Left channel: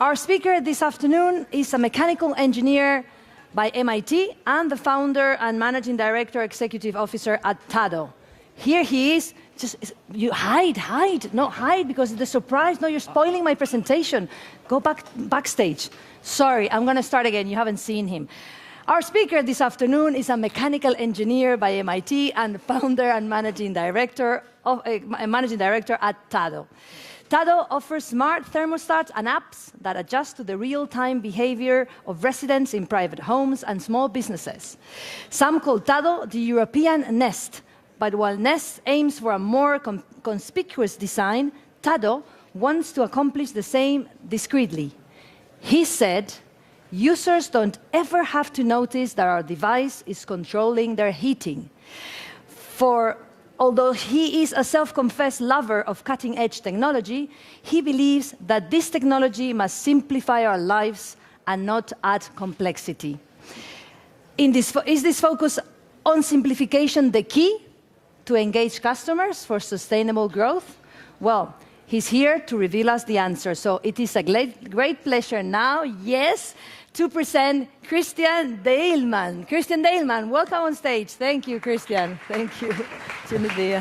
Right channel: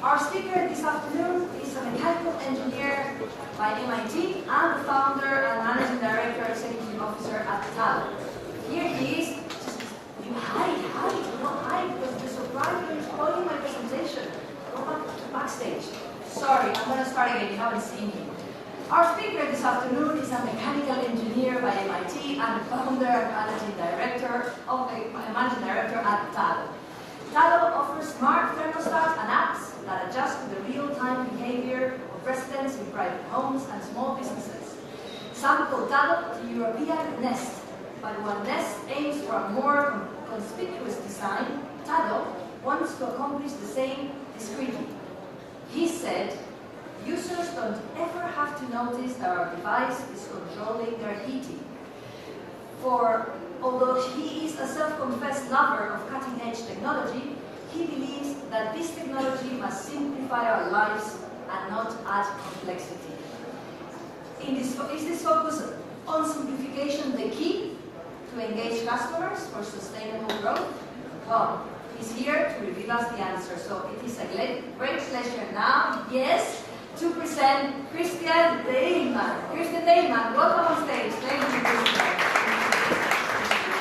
Our speaker this afternoon is a mechanical engineer by MIT and the founder and managing director, executive officer at Tata. Here he is. Just, you hide, not hide because it's a surprise. No, you're spoiling my presentation. Go backstage. Sorry, I'm going to start again. You haven't seen him. Our speaker this afternoon is a mechanical engineer by MIT and the founder and managing director at Tata. Tata offers smart thermostats and apps that adjust to the real-time behavior of residents in private homes and small businesses. Some call Tata the European Nest, but while Nest aims for a more conspicuous design, Tata wants to accomplish the same discreetly. He said, users don't ever have to notice that our device is controlling their heating. For although he is a self-confessed lover of cutting-edge technology, he believes that this technology must simplify our lives and not add complexity. Is this focus on simplification the key to engage customers for sustainable growth? Well, he's here to reveal us the answer. So it is a great pleasure now, yes, to present Christian Deilmann. Christian Deilmann, welcome on stage. Thank you, Christian. Thank you.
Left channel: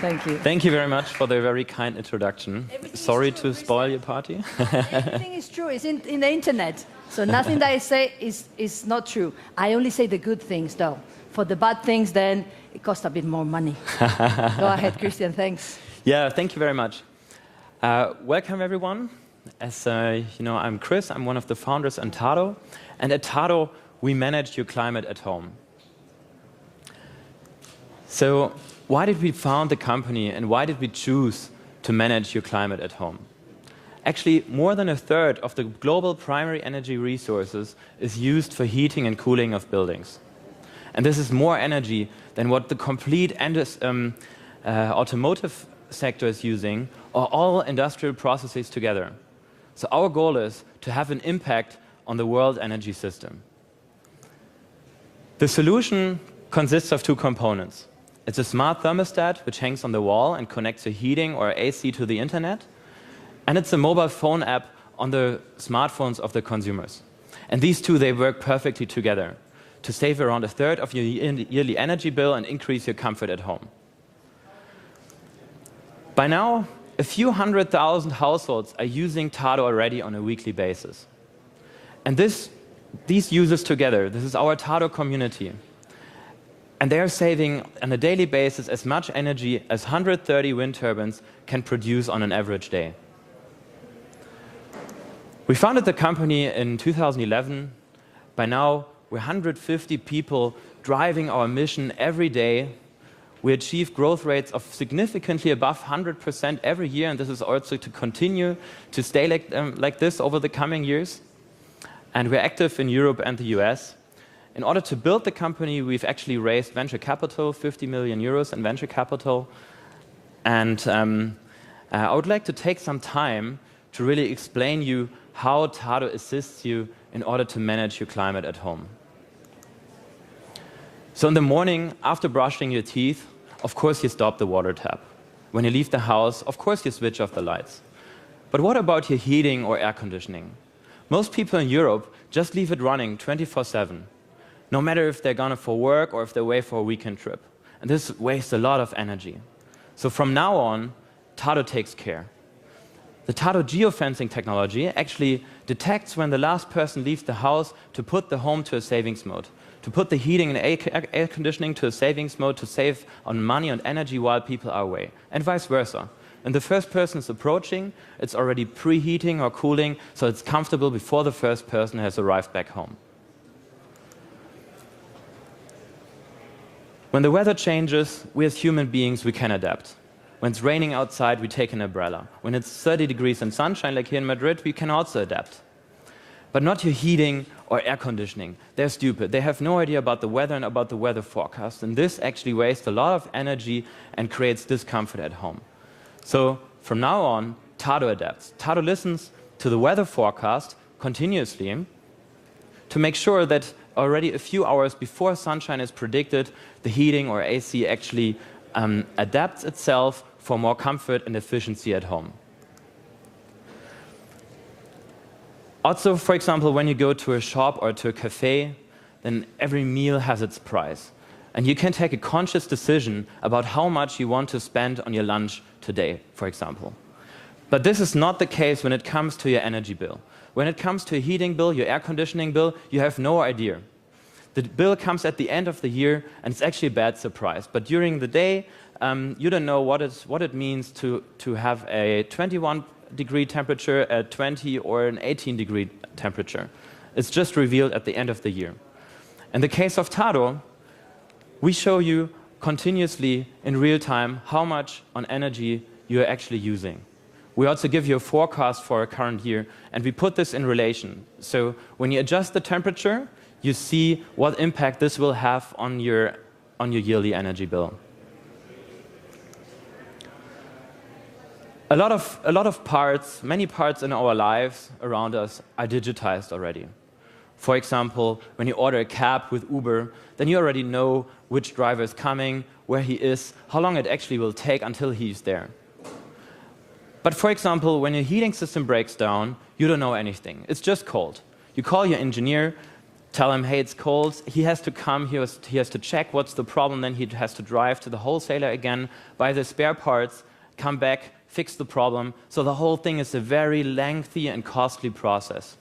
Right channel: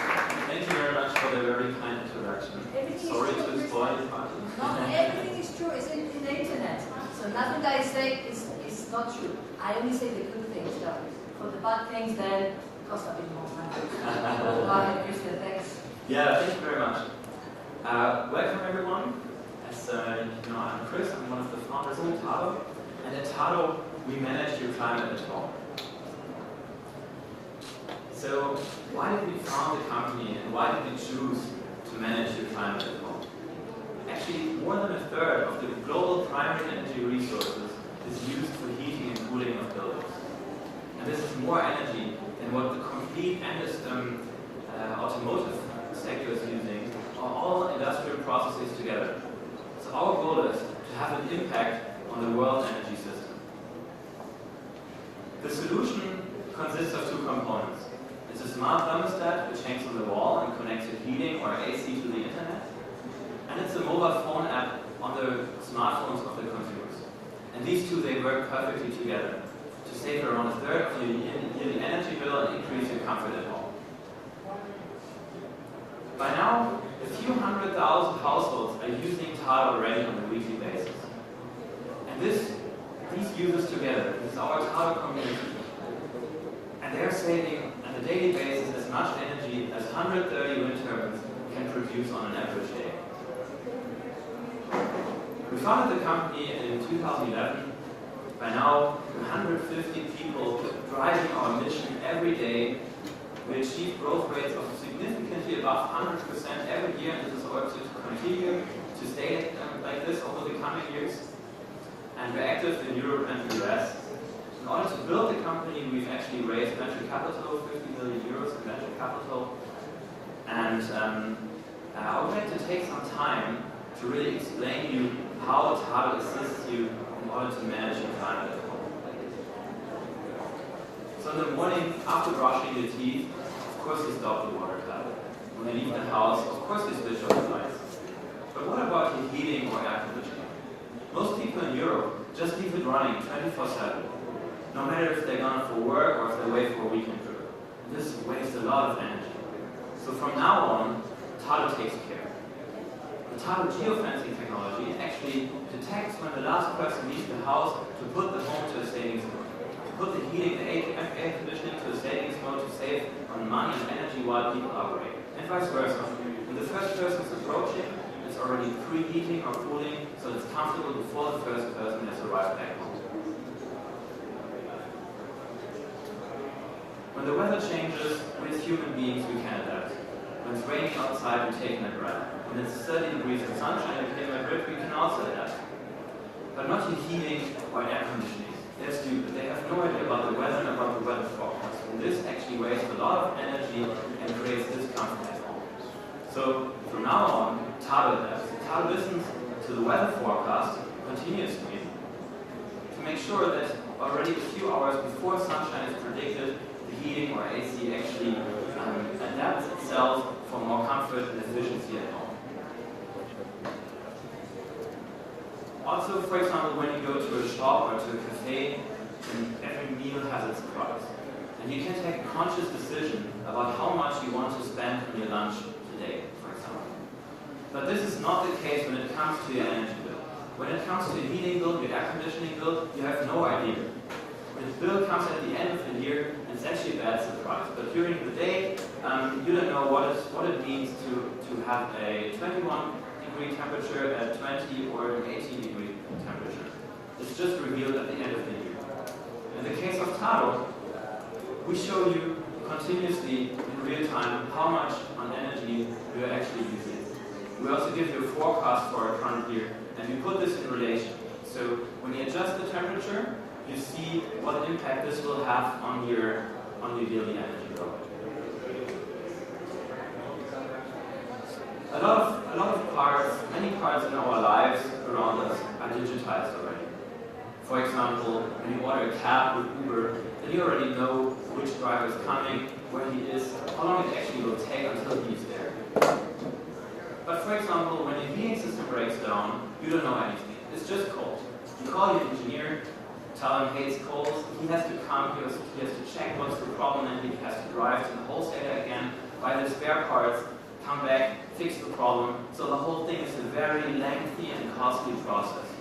Thank you. Thank you very much for the very kind introduction. Sorry to spoil your party. No, everything is true. It's in the internet. So nothing that I say is not true. I only say the good things, though. For the bad things, then it costs a bit more money. Go ahead, Christian. Thanks. Yeah, thank you very much. Welcome, everyone. As you know, I'm Chris. I'm one of the founders in Tata. And at Tata, we manage your climate at home. So why did we found the company and why did we choose to manage your climate at home? Actually, more than a third of the global primary energy resources is used for heating and cooling of buildings. And this is more energy than what the complete automotive sector is using, or all industrial processes together. So our goal is to have an impact on the world energy system. The solution consists of two components. It's a smart thermostat which hangs on the wall and connects your heating or AC to the internet. And it's a mobile phone app on the smartphones of the consumers. And these two, they work perfectly together to save around a third of your yearly energy bill and increase your comfort at home. By now, a few 100,000 households are using Tata already on a weekly basis. And these users together, this is our Tata community. And they're saving on a daily basis as much energy as 130 wind turbines can produce on an average day. We founded the company in 2011. By now, we're 150 people driving our mission every day. We achieve growth rates of significantly above 100% every year, and this is also to continue to stay like this over the coming years. And we're active in Europe and the US. In order to build the company, we've actually raised venture capital, 50 million euros in venture capital. And I would like to take some time to really explain you how Tata assists you in order to manage your climate at home. So in the morning, after brushing your teeth, of course you stop the water tap. When you leave the house, of course you switch off the lights. But what about your heating or air conditioning? Most people in Europe just leave it running 24/7, no matter if they're gone for work or if they're away for a weekend trip. And this wastes a lot of energy. So from now on, Tata takes care. The Tata Geofencing technology actually detects when the last person leaves the house to put the home to a savings mode, to put the heating and air conditioning to a savings mode to save on money and energy while people are away, and vice versa. And the first person is approaching, it's already preheating or cooling, so it's comfortable before the first person has arrived back home. When the weather changes, we as human beings, we can adapt. When it's raining outside, we take an umbrella. When it's 30 degrees and sunshine, like here in Madrid, we can also adapt. But not your heating or air conditioning. They're stupid. They have no idea about the weather and about the weather forecast. And this actually wastes a lot of energy and creates discomfort at home. So from now on, Tata adapts. Tata listens to the weather forecast continuously to make sure that already a few hours before sunshine is predicted, the heating or AC actually adapts itself for more comfort and efficiency at home. Also, for example, when you go to a shop or to a cafe, then every meal has its price. And you can take a conscious decision about how much you want to spend on your lunch today, for example. But this is not the case when it comes to your energy bill. When it comes to a heating bill, your air conditioning bill, you have no idea. The bill comes at the end of the year, and it's actually a bad surprise. But during the day, you don't know what it means to have a 21-degree temperature, a 20 or an 18-degree temperature. It's just revealed at the end of the year. In the case of Tata, we show you continuously in real time how much on energy you are actually using. We also give you a forecast for a current year, and we put this in relation. So when you adjust the temperature, you see what impact this will have on your yearly energy bill. A lot of parts, many parts in our lives around us are digitized already. For example, when you order a cab with Uber, then you already know which driver is coming, where he is, how long it actually will take until he's there. But for example, when your heating system breaks down, you don't know anything. It's just cold. You call your engineer, tell him, hey, it's cold. He has to come, he has to check what's the problem, then he has to drive to the wholesaler again, buy the spare parts, come back, fix the problem. So the whole thing is a very lengthy and costly process.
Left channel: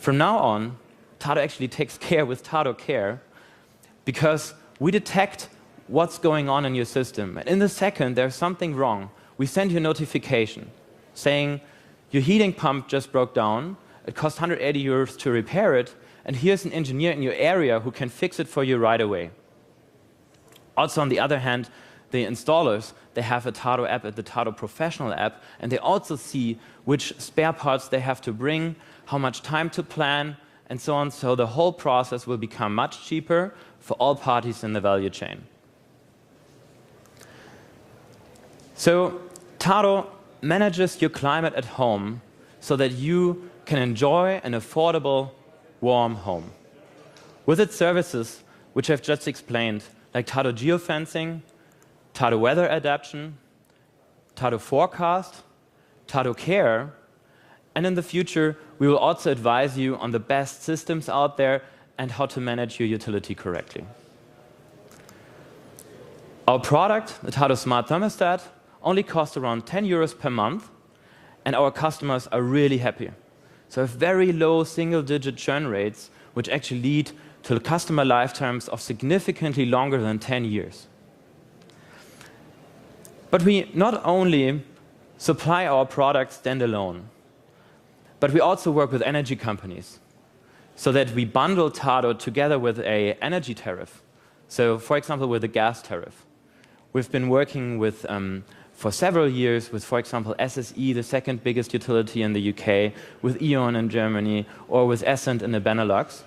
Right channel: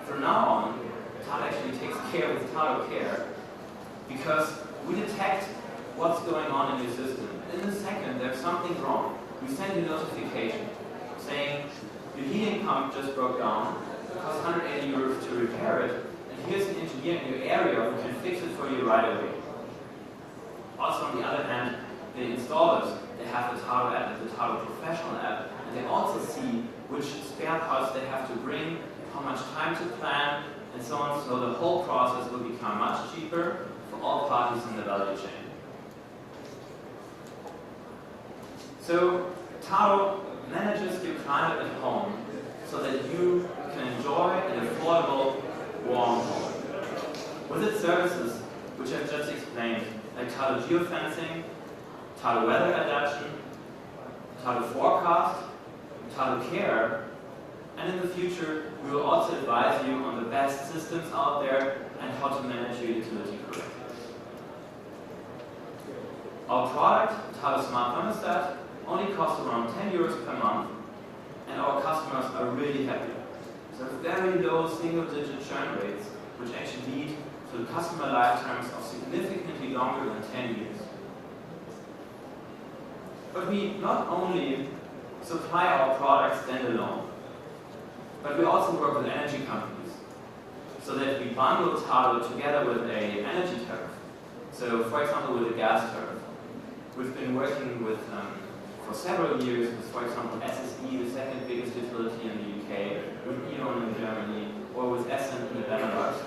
From now on, Tata actually takes care with Tata Care because we detect what's going on in your system. And in the second there's something wrong, we send you a notification saying your heating pump just broke down, it costs 180 euros to repair it, and here's an engineer in your area who can fix it for you right away. Also, on the other hand, the installers, they have a Tata app, the Tata Professional app, and they also see which spare parts they have to bring, how much time to plan, and so on. So the whole process will become much cheaper for all parties in the value chain. So Tata manages your climate at home so that you can enjoy an affordable, warm home. With its services, which I've just explained, like Tata Geofencing, Tata Weather Adaptation, Tata Forecast, Tata Care, and in the future, we will also advise you on the best systems out there and how to manage your utility correctly. Our product, the Tata Smart Thermostat, only costs around 10 euros per month, and our customers are really happy. So very low single-digit churn rates, which actually lead to customer lifetimes of significantly longer than 10 years. But we not only supply our products standalone, but we also work with energy companies so that we bundle Tata together with an energy tariff. So, for example, with a gas tariff. We've been working with, for several years with, for example, SSE, the second biggest utility in the UK, with E.ON in Germany, or with Essent in the Benelux,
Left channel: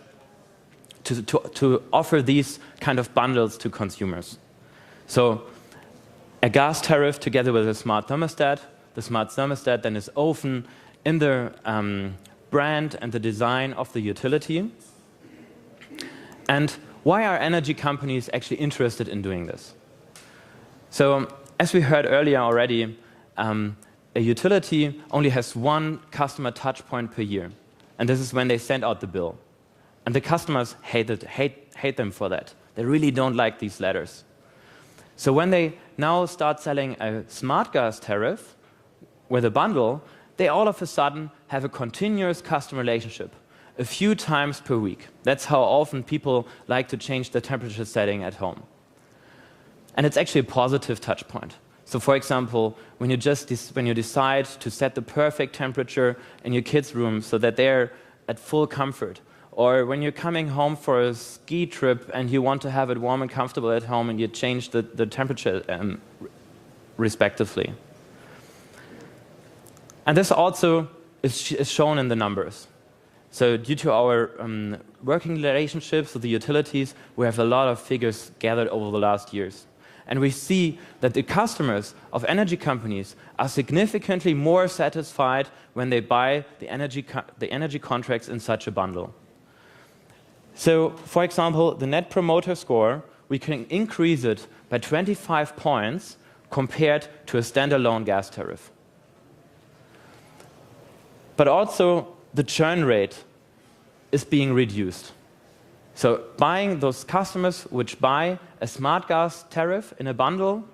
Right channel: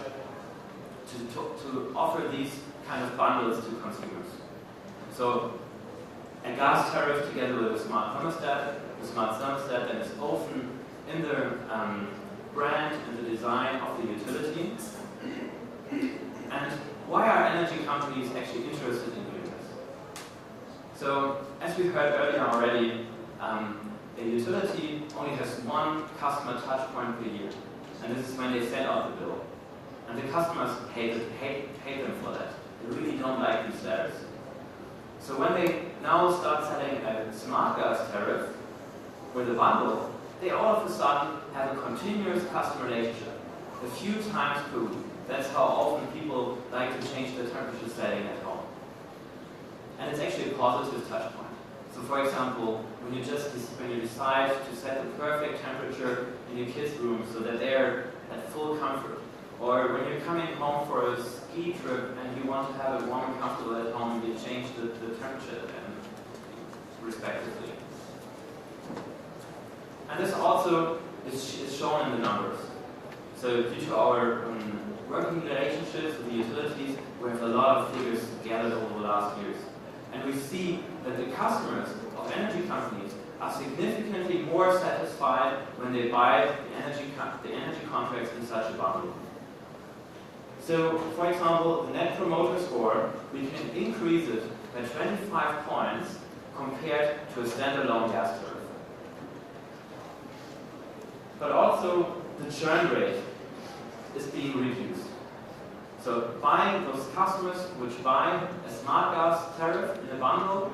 to offer these kind of bundles to consumers. So, a gas tariff together with a smart thermostat. The smart thermostat then is often in the brand and the design of the utility. And why are energy companies actually interested in doing this? So, as we heard earlier already, a utility only has one customer touch point per year. And this is when they send out the bill. And the customers hate them for that. They really don't like these letters. So when they now start selling a smart gas tariff with a bundle, they all of a sudden have a continuous customer relationship, a few times per week. That's how often people like to change the temperature setting at home. And it's actually a positive touch point. So for example, when you decide to set the perfect temperature in your kids' room so that they're at full comfort, or when you're coming home for a ski trip and you want to have it warm and comfortable at home and you change the temperature respectively. And this also is shown in the numbers. So due to our working relationships with the utilities, we have a lot of figures gathered over the last years. And we see that the customers of energy companies are significantly more satisfied when they buy the energy contracts in such a bundle. So, for example, the Net Promoter Score, we can increase it by 25 points compared to a standalone gas tariff. But also, the churn rate is being reduced. So buying those customers which buy a smart gas tariff in a bundle,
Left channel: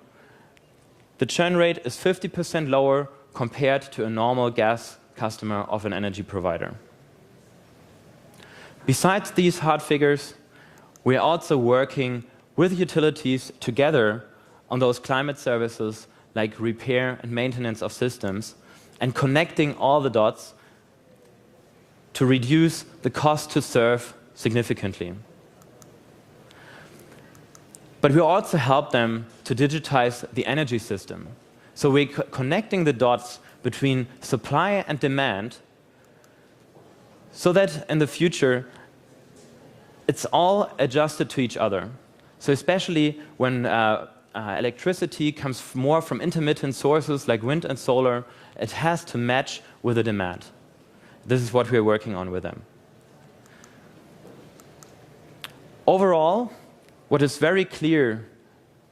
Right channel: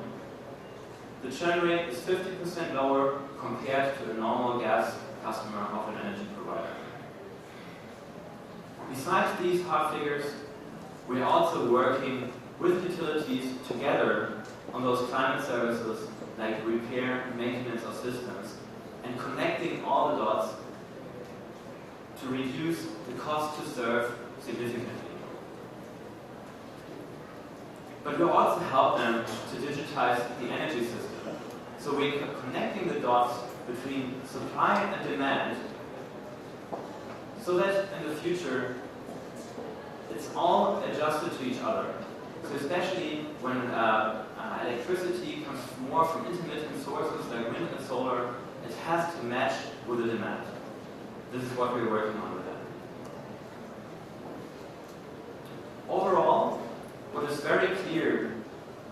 the churn rate is 50% lower compared to a normal gas customer of an energy provider. Besides these hard figures, we are also working with utilities together on those climate services like repair and maintenance of systems and connecting all the dots to reduce the cost to serve significantly. But we also help them to digitize the energy system. So we're connecting the dots between supply and demand so that in the future it's all adjusted to each other. So especially when electricity comes more from intermittent sources like wind and solar, it has to match with the demand. This is what we're working on with them. Overall, what is very clear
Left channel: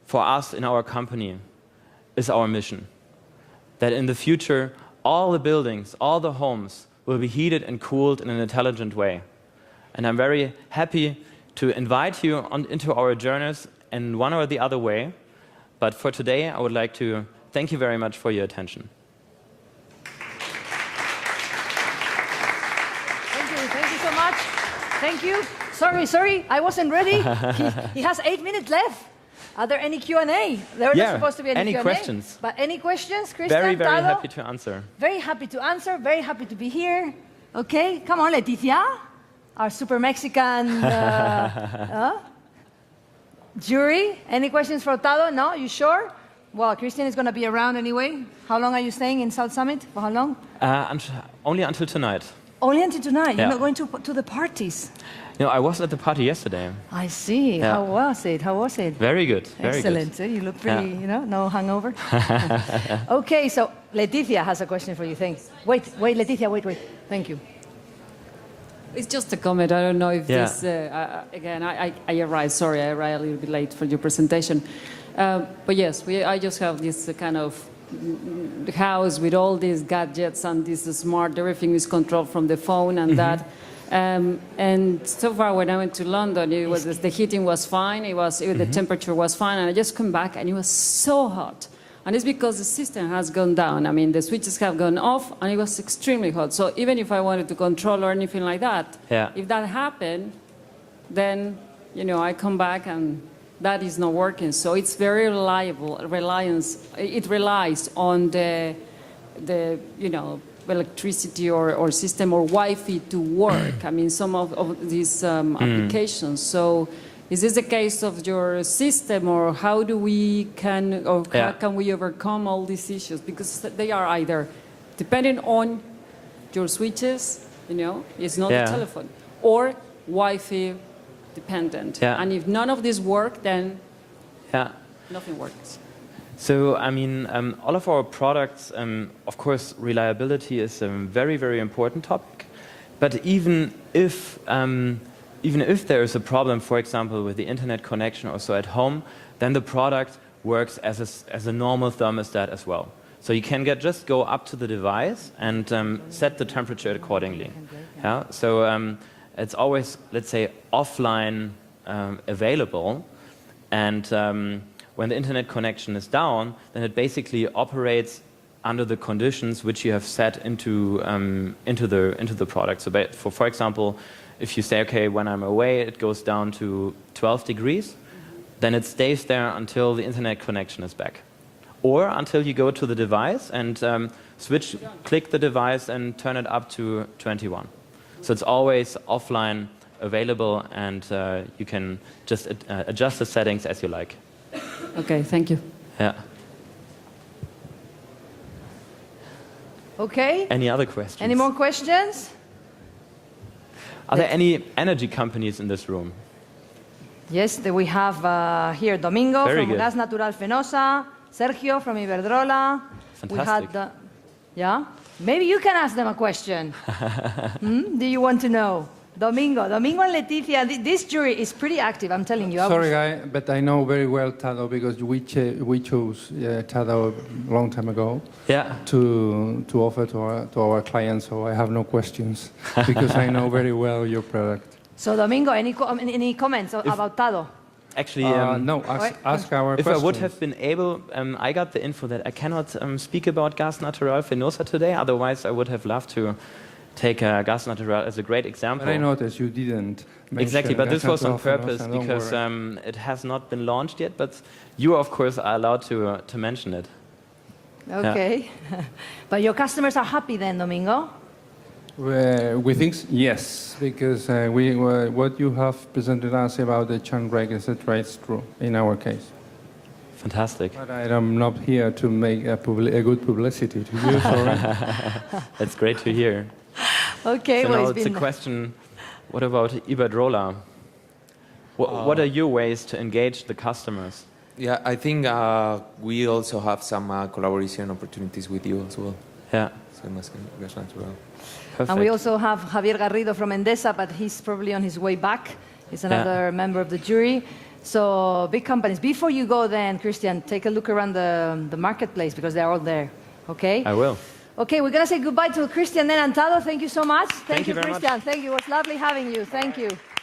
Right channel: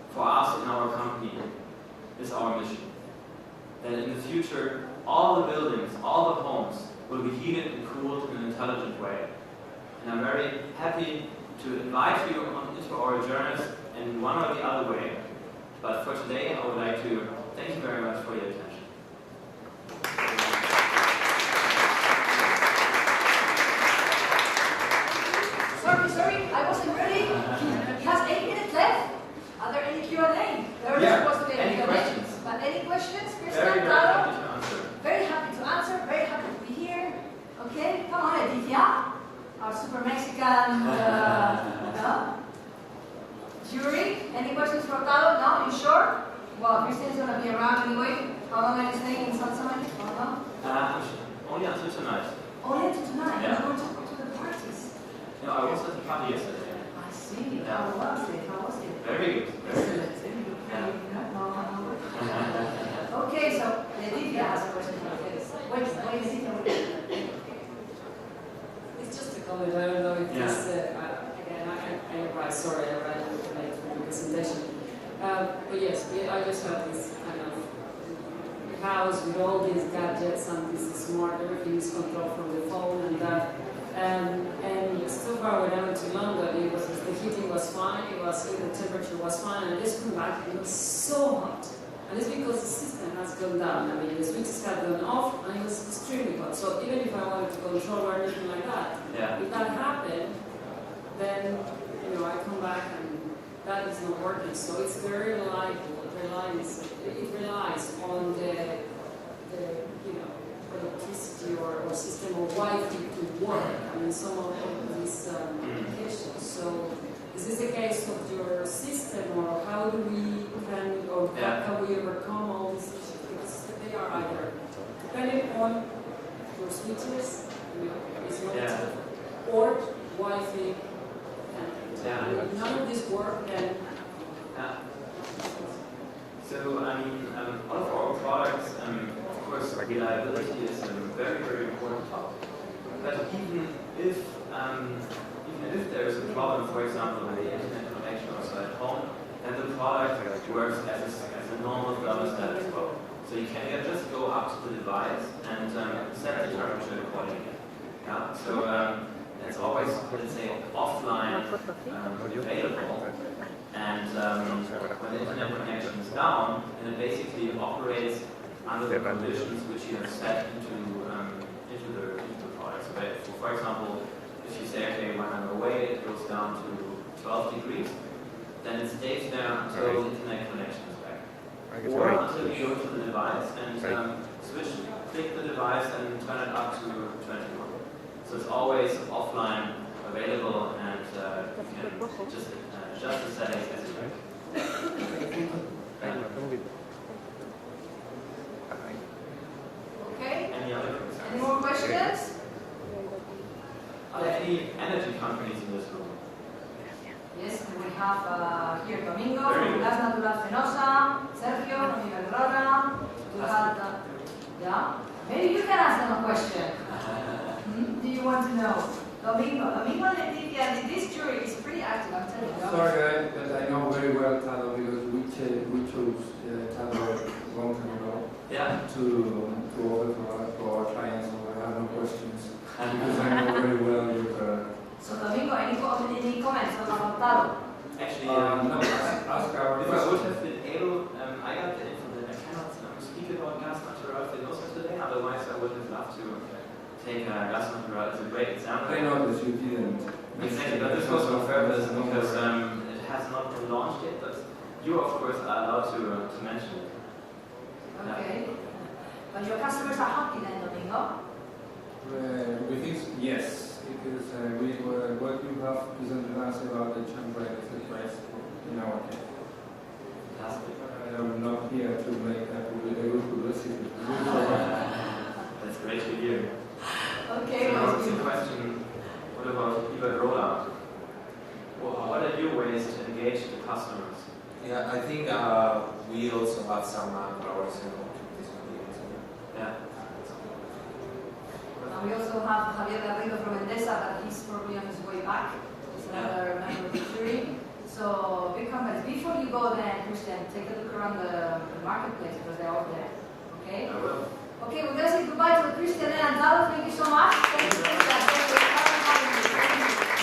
for us in our company is our mission. That in the future, all the buildings, all the homes will be heated and cooled in an intelligent way. And I'm very happy to invite you into our journeys in one or the other way. But for today, I would like to thank you very much for your attention. Sorry, I wasn't ready. He has 8 minutes left. Are there any Q&A? There was supposed to be any Q&A. Questions? But any questions, Christian? Very Tata? happy to answer. Very happy to answer, very happy to be here. Okay, come on, Leticia, our super Mexican jury. Any questions for Tado? No, you sure? Well, Christian is going to be around anyway. How long are you staying in South Summit? For how long? Only until tonight. Only until tonight? Yeah. You're not going to the parties? No, I was at the party yesterday. I see. Yeah. How was it? How was it? Very good. Very Excellent. good. You look pretty, no hangover. Okay, so Leticia has a question for you. Thanks. Wait, Leticia, wait. Thank you. It's just a comment. I don't know if this, again, I arrived, sorry, I arrived a little bit late for your presentation. But yes, I just have this kind of house with all these gadgets and this smart, everything is controlled from the phone and that. And so far when I went to London, the heating was fine, the temperature was fine, and I just come back and it was so hot. And it's because the system has gone down. I mean, the switches have gone off and it was extremely hot. So even if I wanted to control or anything like that, if that happened, then, I come back and that is not working. So it's very reliable, it relies on the electricity or system or Wi-Fi to work. I mean, some of these applications. So is this the case of your system, or how do we how can we overcome all these issues? Because they are either depending on your switches, it's not the telephone, or Wi-Fi dependent. And if none of this work, then nothing works. So, I mean, all of our products, of course, reliability is a very, very important topic. But even if there is a problem, for example, with the internet connection also at home, then the product works as a normal thermostat as well. So you can just go up to the device and set the temperature accordingly. Yeah? So it's always, let's say, offline available. And when the internet connection is down, then it basically operates under the conditions which you have set into the product. So, for example, if you say, okay, when I'm away, it goes down to 12 degrees, then it stays there until the internet connection is back, or until you go to the device and click the device and turn it up to 21. So it's always offline available, and you can just adjust the settings as you like. Okay, thank you. Yeah. Okay. Any other questions? Any more questions? Are there any energy companies in this room? Yes, we have here Domingo Very from good. Gas Natural Fenosa, Sergio from Iberdrola. Fantastic. We had Yeah? Maybe you can ask them a question. Do you want to know? Domingo and Leticia, this jury is pretty active, I'm telling you. Sorry, guy, but I know very well Tado because we chose Tado a long time ago to offer to our clients, so I have no questions because I know very well your product. So Domingo, any comments about Tado? Actually, no, ask our if question. I would have been able, I got the info that I cannot speak about Gas Natural Fenosa today, otherwise I would have loved to take Gas Natural as a great example. I noticed you didn't. Exactly, but this was on purpose because it has not been launched yet, but you, of course, are allowed to mention it. Okay. Yeah. But your customers are happy then, Domingo? We think yes, because what you have presented us about the churn rate, etc., is true in our case. Fantastic. But I'm not here to make a good publicity to you. So That's great to hear. Okay, so well, now it's a question, what about Iberdrola? What are your ways to engage the customers? Yeah, I think we also have some collaboration opportunities with you as well. Yeah. Perfect. And we also have Javier Garrido from Endesa, but he's probably on his way back. He's another member of the jury. So big companies. Before you go then, Christian, take a look around the marketplace because they're all there. Okay? I will. Okay, we're going to say goodbye to Christian then and Tado. Thank you so much. Thank you very Christian. much. Thank you. It was lovely having you. Thank you.